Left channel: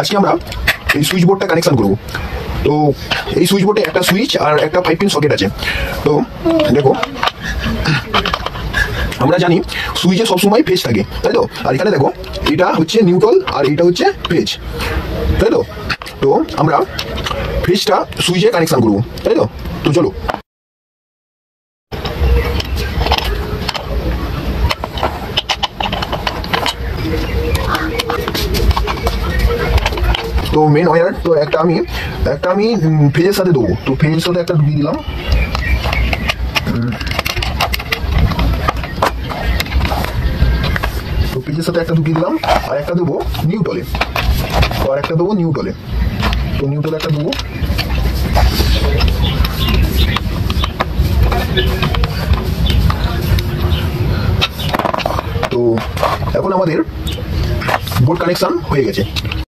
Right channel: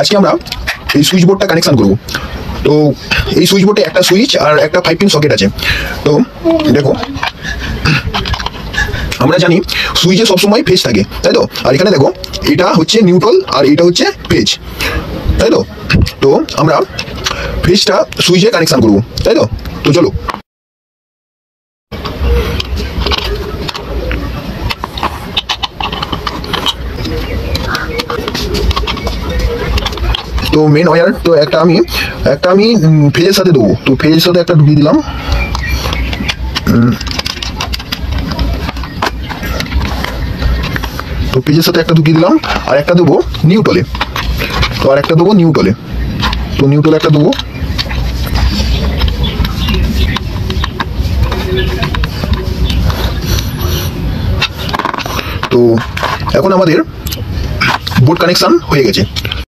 আজকে আমরা এই সুইচ বোর্ডটা কানেকশন করব। তো এই সুইচ বোর্ডে একটা সুইচ আর একটা 5 পিন সকেট আছে। তো দেখো, আমরা জানি সুইচে সবসময় ফেজ থাকে, তাই তো? আর এখানে দেখো, এটা হচ্ছে নিউট্রাল আর এটা হচ্ছে ফেজ, তাই তো? তো আমরা ফেজটা সুইচে কানেকশন করব, তাই তো? তো চলো। তো মেন ওয়্যার তো একটা আমি ফেজের সাথে দেবো। তো ফেজের সাথে একটা ঢুকিয়ে দিলাম। তো পেজের সাথে একটা ঢুকিয়ে দিলাম, আর একটা দেবো নিউট্রালে। তো আর একটা দেবো নিউট্রালে। তো নিউট্রালে একটা দেবো। তো এখন আমাদের বোর্ড কানেকশন হয়ে গেছে।